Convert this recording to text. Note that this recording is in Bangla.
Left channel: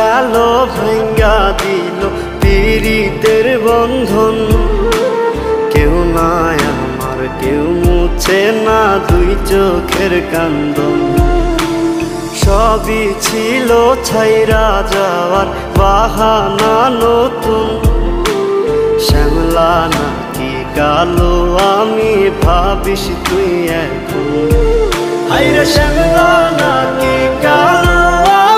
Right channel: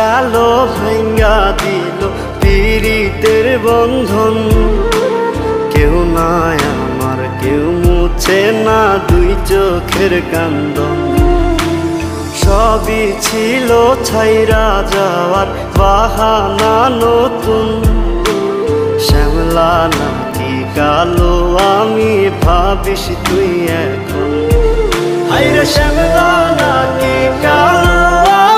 গেল ভাঙ্গা দিল পীড়িতের বন্ধন। কেউ নাই আমার, কেউ মুছে না দুই চোখের কান্দন। সবই ছিল ছাইরা যাওয়ার বাহানা নতুন। শ্যামলা নাকি কালো আমি ভাবিস তুই এখন। হায়রে শ্যামলা নাকি কালো